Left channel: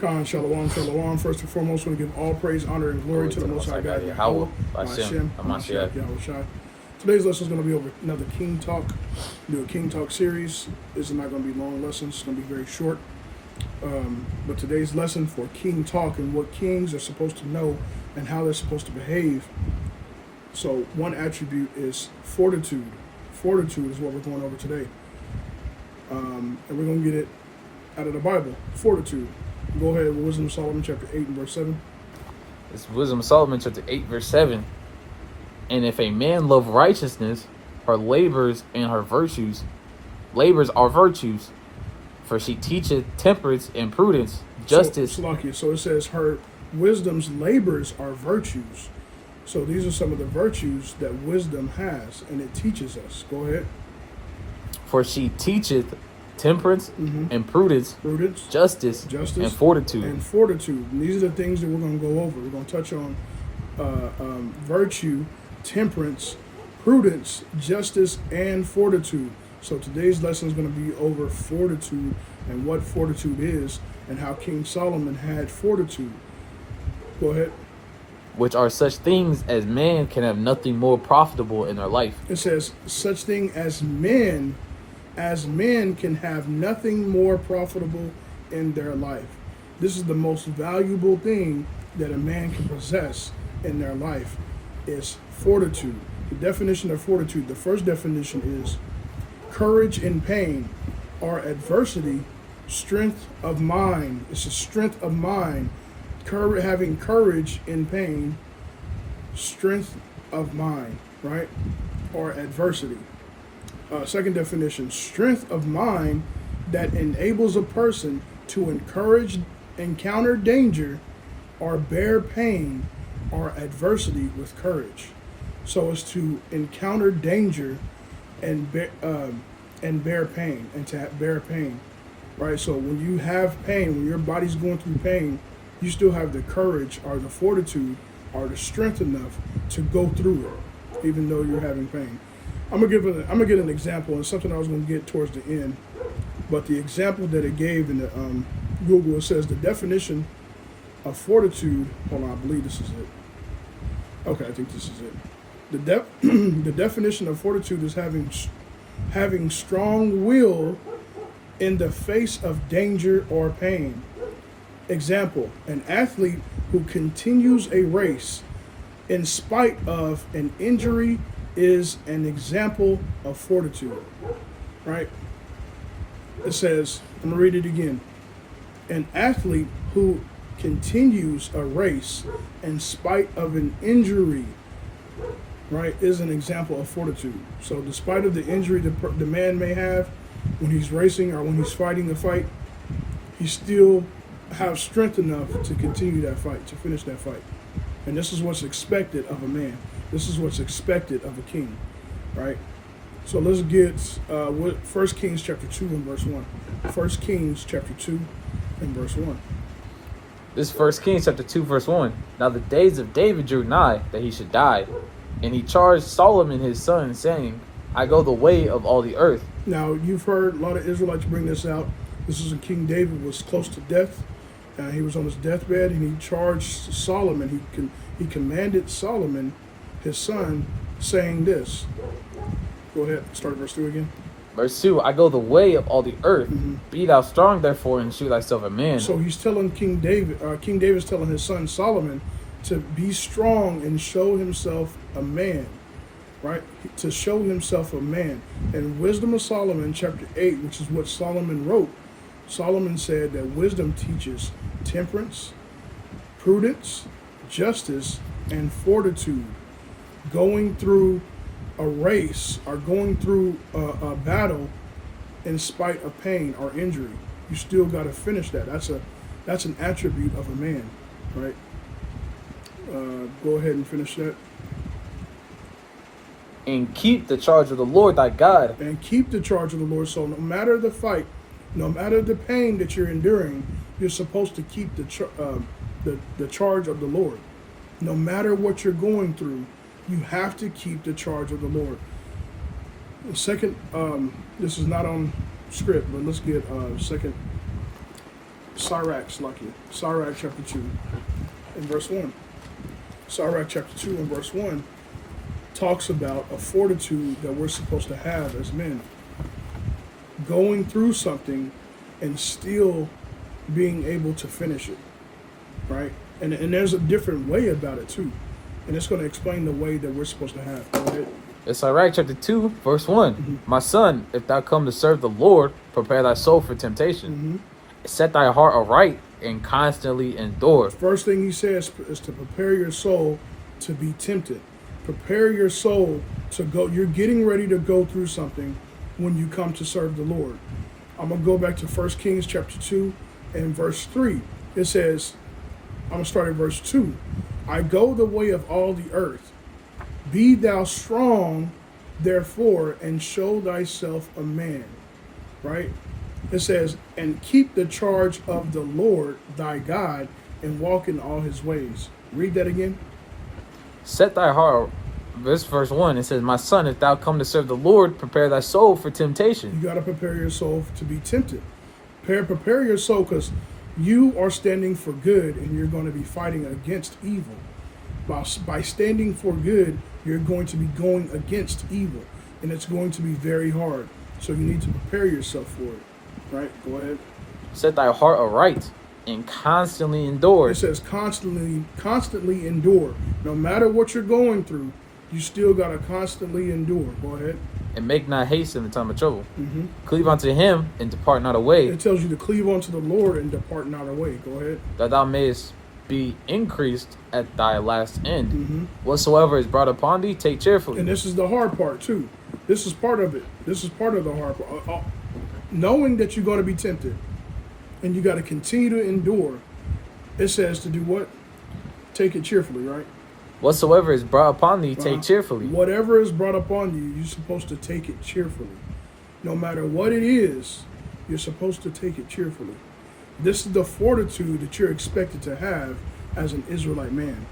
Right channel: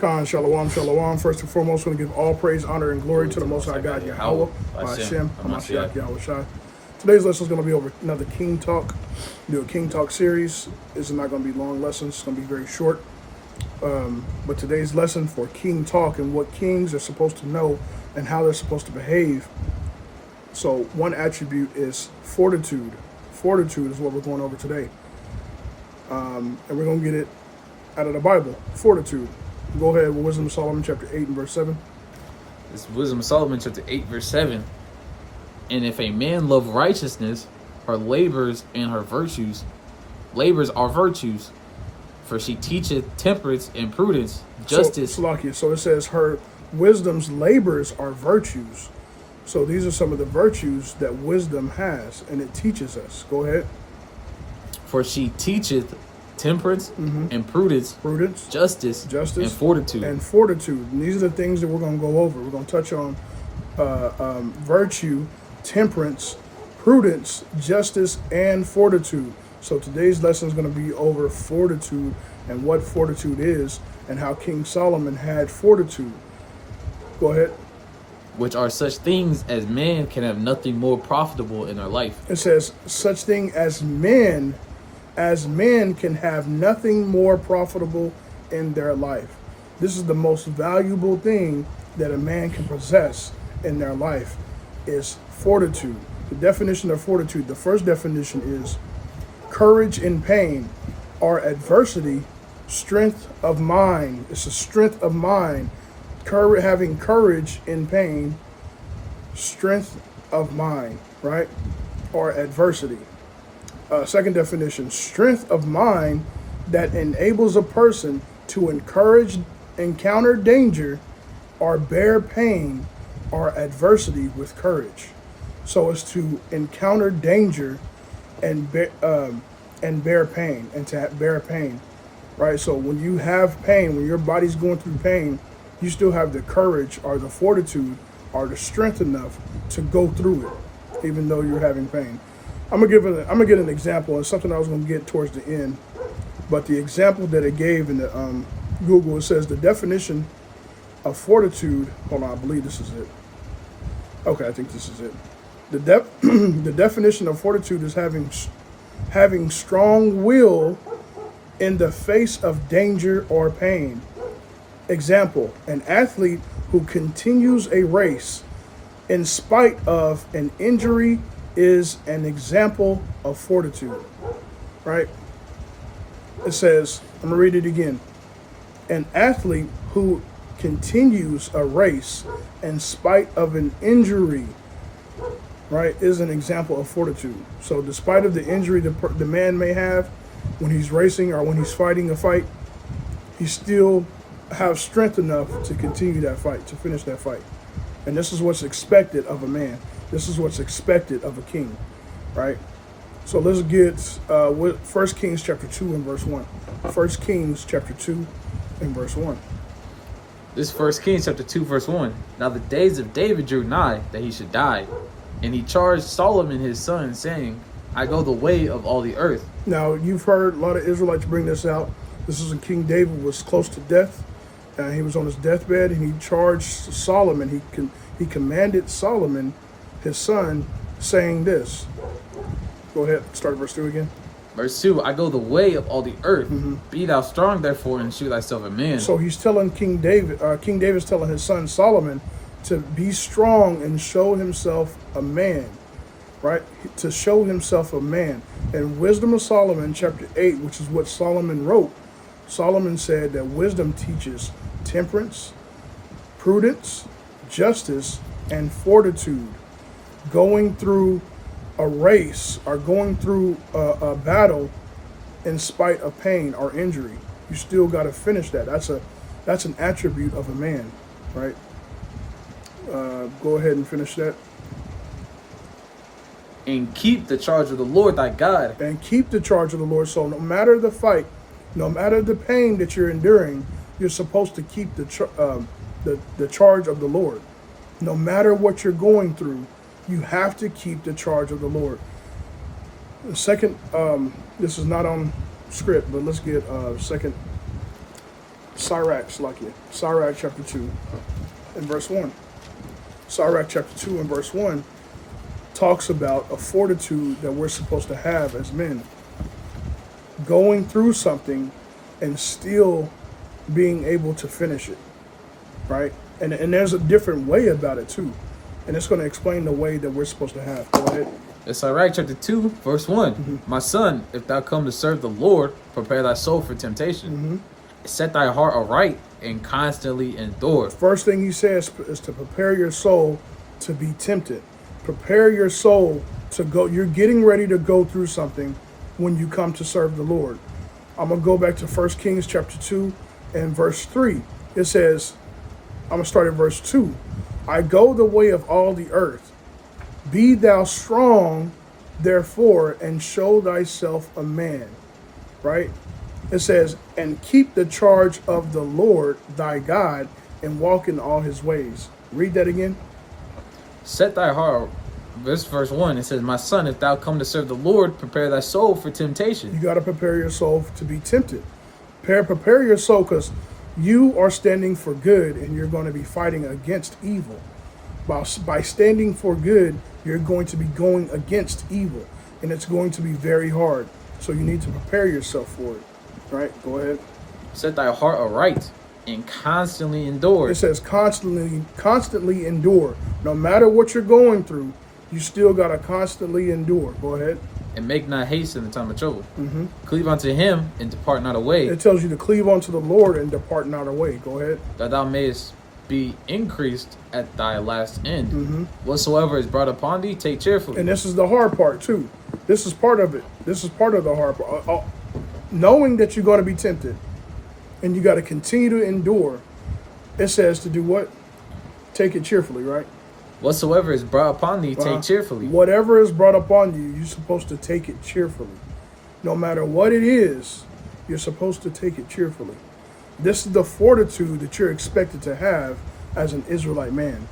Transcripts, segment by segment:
Khan, shalom, shalom. First and foremost, I want to give all praise, honor, and glory to the Most High God, Yahweh, Hashem, Hamashiach, Yahushua. Today's lesson is going to be over another King Talk. Do a King Talk series. This is not going to be long lessons. It's going to be very short. But today's lesson for King Talk and what kings are supposed to know and how they're supposed to behave. So one attribute is fortitude. Fortitude is what we're going over today. And we're going to get it out of the Bible. Fortitude. Go ahead with Wisdom of Solomon chapter 8 and verse 7. It's Wisdom of Solomon chapter 8 verse 7. And if a man love righteousness, her labors and her virtues, labors are virtues, for she teacheth temperance and prudence, justice. So it says her wisdom's labors are virtues. So these are some of the virtues that wisdom has, and it teaches us. Go ahead. For she teacheth temperance and prudence, justice, and fortitude. And these are the things that we're going to go over. We're going to touch on virtue, temperance, prudence, justice, and fortitude. So today's lesson is going to be over fortitude and what fortitude is and how King Solomon had fortitude. Go ahead. Which are such things as man can have nothing more profitable in their life. It says such thing as men can have nothing more profitable in their life. This is the most valuable thing that a man can possess in their life is fortitude. The definition of fortitude, the first definition is courage in pain or adversity, strength of mind. It's a strength of mind. Having courage in pain, strength of mind, right? Or adversity. Second definition, strength of mind that enables a person to encounter danger or bear pain or adversity with courage. So it's to encounter danger and bear pain, and to bear pain, right? So when you have pain, when your body's going through pain, you still have the courage or the fortitude or the strength enough to go through it, even though you're having pain. I'm gonna get an example, and something I was gonna get towards the end. But the example that it gave in the Google, it says the definition of fortitude. Hold on, I believe this is it. Okay, I think this is it. The definition of fortitude is having strong will in the face of danger or pain. Example, an athlete who continues a race in spite of an injury is an example of fortitude, right? It says, I'm going to read it again. An athlete who continues a race in spite of an injury, right, is an example of fortitude. So despite of the injury the man may have when he's racing or when he's fighting a fight, he still have strength enough to continue that fight, to finish that fight. And this is what's expected of a man. This is what's expected of a king, right? So let's get 1 Kings chapter 2 and verse 1. 1 Kings chapter 2 and verse 1. This is 1 Kings chapter 2 verse 1. Now the days of David drew nigh that he should die. And he charged Solomon his son, saying, I go the way of all the earth. Now you've heard a lot of Israelites bring this out. This is when King David was close to death. He was on his deathbed, and he charged Solomon. He commanded Solomon, his son, saying this. Go ahead, start at verse 2 again. Verse 2, I go the way of all the earth. Be thou strong, therefore, and shew thyself a man. So he's telling King David's telling his son Solomon to be strong and show himself a man, right? To show himself a man. And Wisdom of Solomon, chapter 8, which is what Solomon wrote, Solomon said that wisdom teaches temperance, prudence, justice, and fortitude. Going through a race or going through a battle in spite of pain or injury, you still got to finish that. That's an attribute of a man, right? Go ahead and finish that. And keep the charge of the Lord thy God. And keep the charge of the Lord. So no matter the fight, no matter the pain that you're enduring, you're supposed to keep the charge of the Lord. No matter what you're going through, you have to keep the charge of the Lord. The second, this is not on script, but let's get Sirach chapter 2 and verse 1. Sirach chapter 2 and verse 1 talks about a fortitude that we're supposed to have as men. Going through something and still being able to finish it, right? And there's a different way about it too. And it's going to explain the way that we're supposed to have. Go ahead. It's Sirach chapter 2, verse 1. Mm-hmm. My son, if thou come to serve the Lord, prepare thy soul for temptation. Mm-hmm. Set thy heart aright and constantly endure. First thing he says is to prepare your soul to be tempted. Prepare your soul to go. You're getting ready to go through something when you come to serve the Lord. I'm going to go back to 1 Kings chapter 2 and verse 3. It says, I'm going to start at verse 2. I go the way of all the earth. Be thou strong, therefore, and show thyself a man. Right? It says, and keep the charge of the Lord thy God and walk in all his ways. Read that again. Set thy heart, verse 1, it says, my son, if thou come to serve the Lord, prepare thy soul for temptation. You got to prepare your soul to be tempted. Prepare your soul, because you are standing for good and you're going to be fighting against evil. By standing for good, you're going to be going against evil, and it's going to be very hard. So you need to prepare yourself for it. Right? Go ahead. Set thy heart aright and constantly endure. It says constantly endure. No matter what you're going through, you still got to constantly endure. Go ahead. And make not haste in the time of trouble. Mm-hmm. Cleave unto him and depart not away. It tells you to cleave unto the Lord and depart not away. Go ahead. That thou mayest be increased at thy last end. Mm-hmm. Whatsoever is brought upon thee, take cheerfully. And this is the hard part too. This is part of it. This is part of the hard part. Knowing that you're going to be tempted and you got to continue to endure, it says to do what? Take it cheerfully, right? Whatsoever is brought upon thee, take cheerfully. Whatever is brought upon you, you're supposed to take it cheerfully. No matter what it is, you're supposed to take it cheerfully. This is the fortitude that you're expected to have as an Israelite man,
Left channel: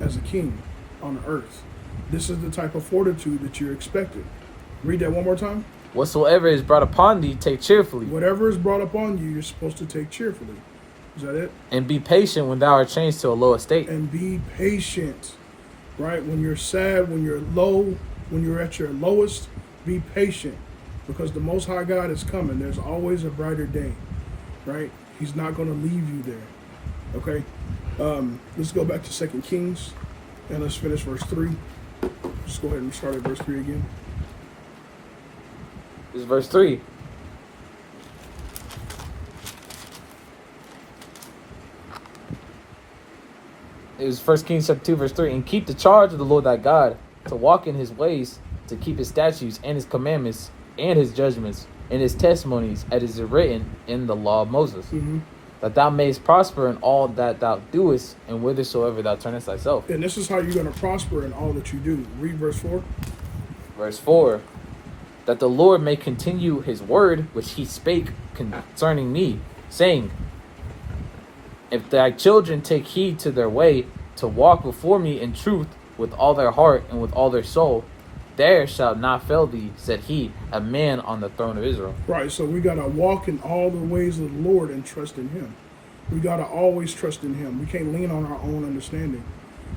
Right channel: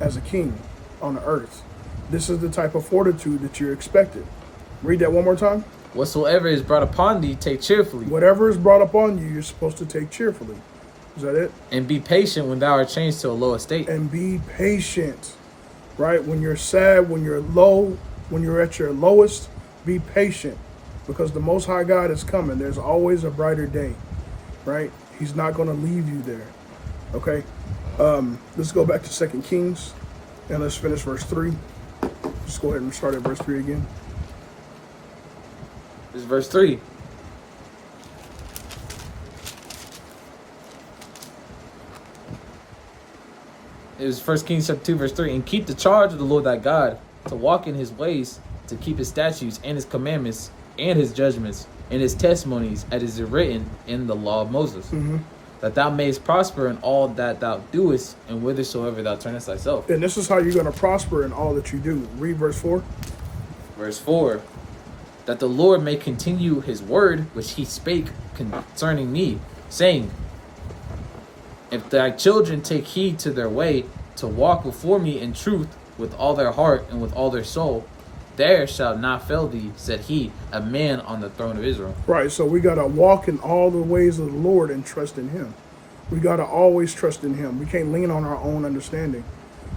as a king on the earth. This is the type of fortitude that you're expected. Read that one more time. Whatsoever is brought upon thee, take cheerfully. Whatever is brought upon you, you're supposed to take cheerfully. Is that it? And be patient when thou art changed to a low estate. And be patient, right? When you're sad, when you're low, when you're at your lowest, be patient, because the Most High God is coming. There's always a brighter day, right? He's not going to leave you there, okay? Let's go back to 2 Kings, and let's finish verse 3. Just go ahead and start at verse 3 again. This is verse 3. It was 1 Kings chapter 2, verse 3. And keep the charge of the Lord thy God, to walk in his ways, to keep his statutes and his commandments and his judgments and his testimonies, as is written in the law of Moses. Mm-hmm. That thou mayest prosper in all that thou doest, and whithersoever thou turnest thyself. And this is how you're going to prosper in all that you do. Read verse 4. Verse 4. That the Lord may continue his word which he spake concerning me, saying, if thy children take heed to their way, to walk before me in truth with all their heart and with all their soul, there shall not fail thee, said he, a man on the throne of Israel. Right, so we got to walk in all the ways of the Lord and trust in him. We got to always trust in him. We can't lean on our own understanding.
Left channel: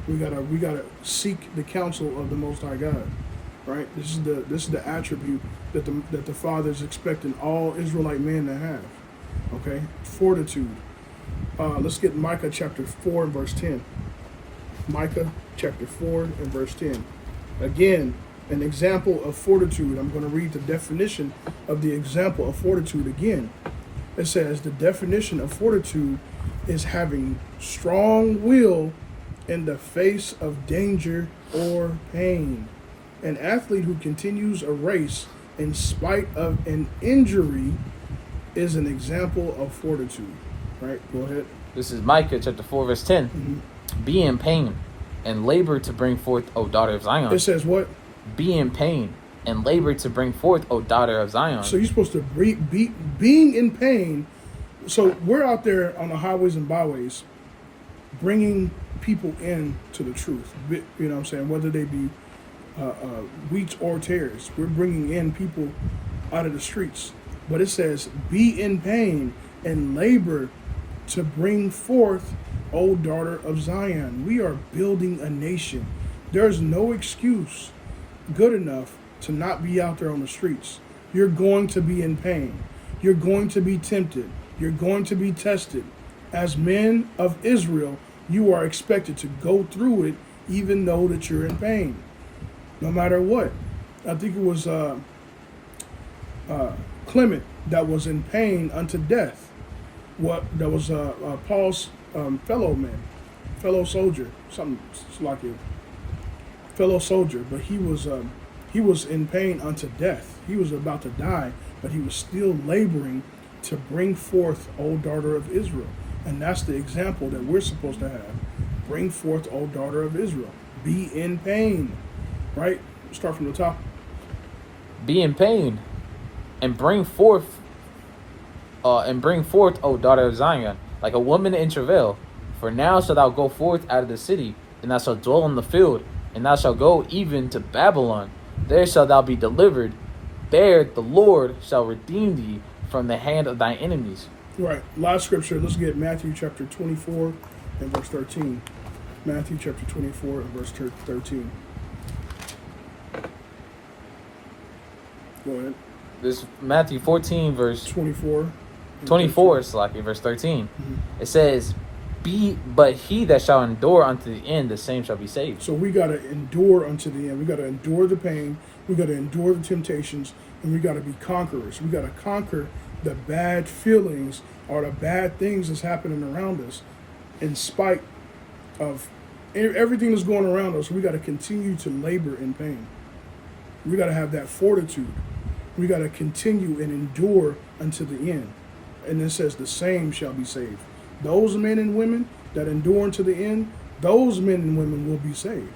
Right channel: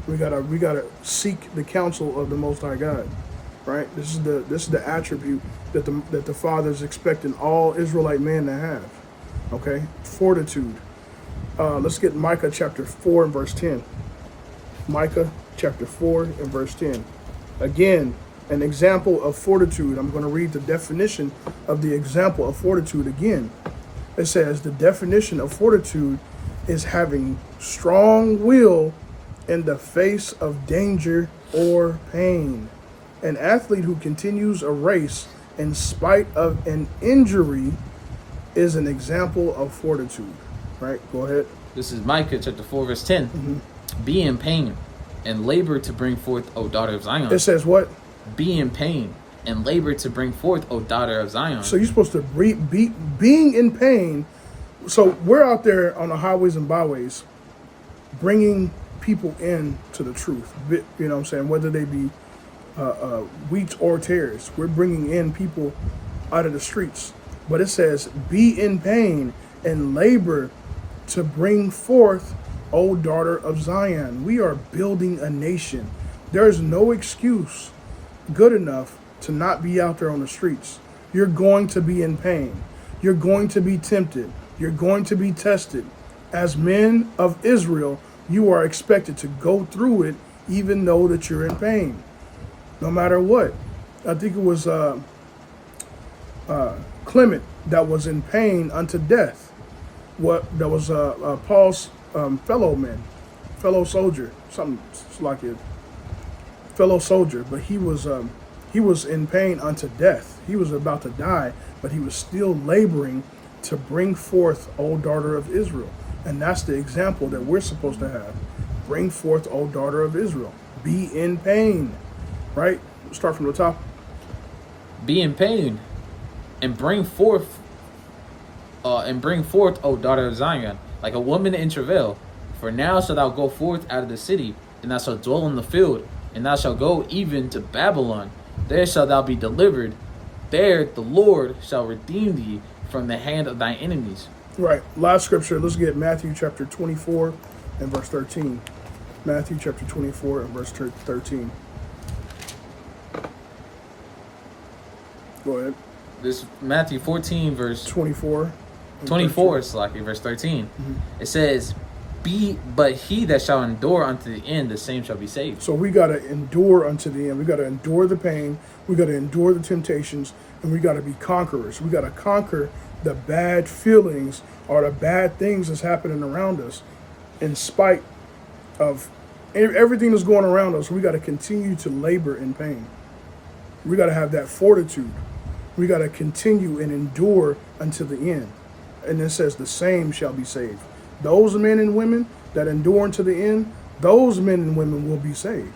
We got to seek the counsel of the Most High God. Right? This is the attribute that the Father is expecting all Israelite men to have. Okay? Fortitude. Let's get Micah chapter 4 and verse 10. Micah chapter 4 and verse 10. Again, an example of fortitude. I'm going to read the definition of the example of fortitude again. It says the definition of fortitude is having strong will in the face of danger or pain. An athlete who continues a race in spite of an injury is an example of fortitude. Right? Go ahead. This is Micah chapter 4 verse 10. Mm-hmm. Be in pain and labor to bring forth, O daughter of Zion. It says what? Be in pain and labor to bring forth, O daughter of Zion. So you're supposed to being in pain. So we're out there on the highways and byways bringing people in to the truth. You know what I'm saying? Whether they be wheat or tares, we're bringing in people out of the streets. But it says be in pain and labor to bring forth, O daughter of Zion. We are building a nation. There's no excuse good enough to not be out there on the streets. You're going to be in pain. You're going to be tempted. You're going to be tested. As men of Israel, you are expected to go through it even though that you're in pain. No matter what. I think it was Clement that was in pain unto death. That was Paul's fellow soldier, something like it, fellow soldier, but he was in pain unto death. He was about to die, but he was still laboring to bring forth, O daughter of Israel. And that's the example that we're supposed to have. Bring forth, O daughter of Israel. Be in pain, right? Start from the top. Be in pain, and bring forth, O daughter of Zion, like a woman in travail. For now shalt thou go forth out of the city, and thou shalt dwell in the field, and thou shalt go even to Babylon. There shalt thou be delivered. There the Lord shall redeem thee from the hand of thy enemies. Right. Last scripture. Let's get Matthew chapter 24 and verse 13. Matthew chapter 24 and verse 13. Go ahead. This is Matthew 14 verse 24. 24, it's like in verse 13. Mm-hmm. It says, but he that shall endure unto the end, the same shall be saved. So we got to endure unto the end. We got to endure the pain. We got to endure the temptations, and we got to be conquerors. We got to conquer the bad feelings or the bad things that's happening around us. In spite of everything that's going around us, we got to continue to labor in pain. We got to have that fortitude. We got to continue and endure until the end. And it says the same shall be saved. Those men and women that endure unto the end, those men and women will be saved,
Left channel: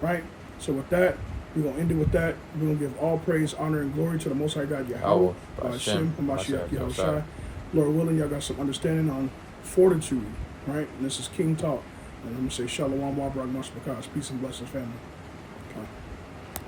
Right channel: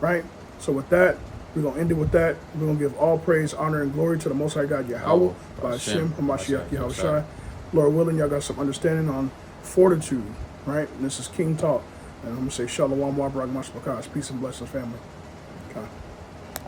right? So with that, we're going to end it with that. We're going to give all praise, honor, and glory to the Most High God, Yahweh, Hashem, Hamashiach, Yahushai. Lord willing, y'all got some understanding on fortitude, right? And this is King Talk. And I'm going to say Shalom, Wabrak, Mashbakas. Peace and blessings, family.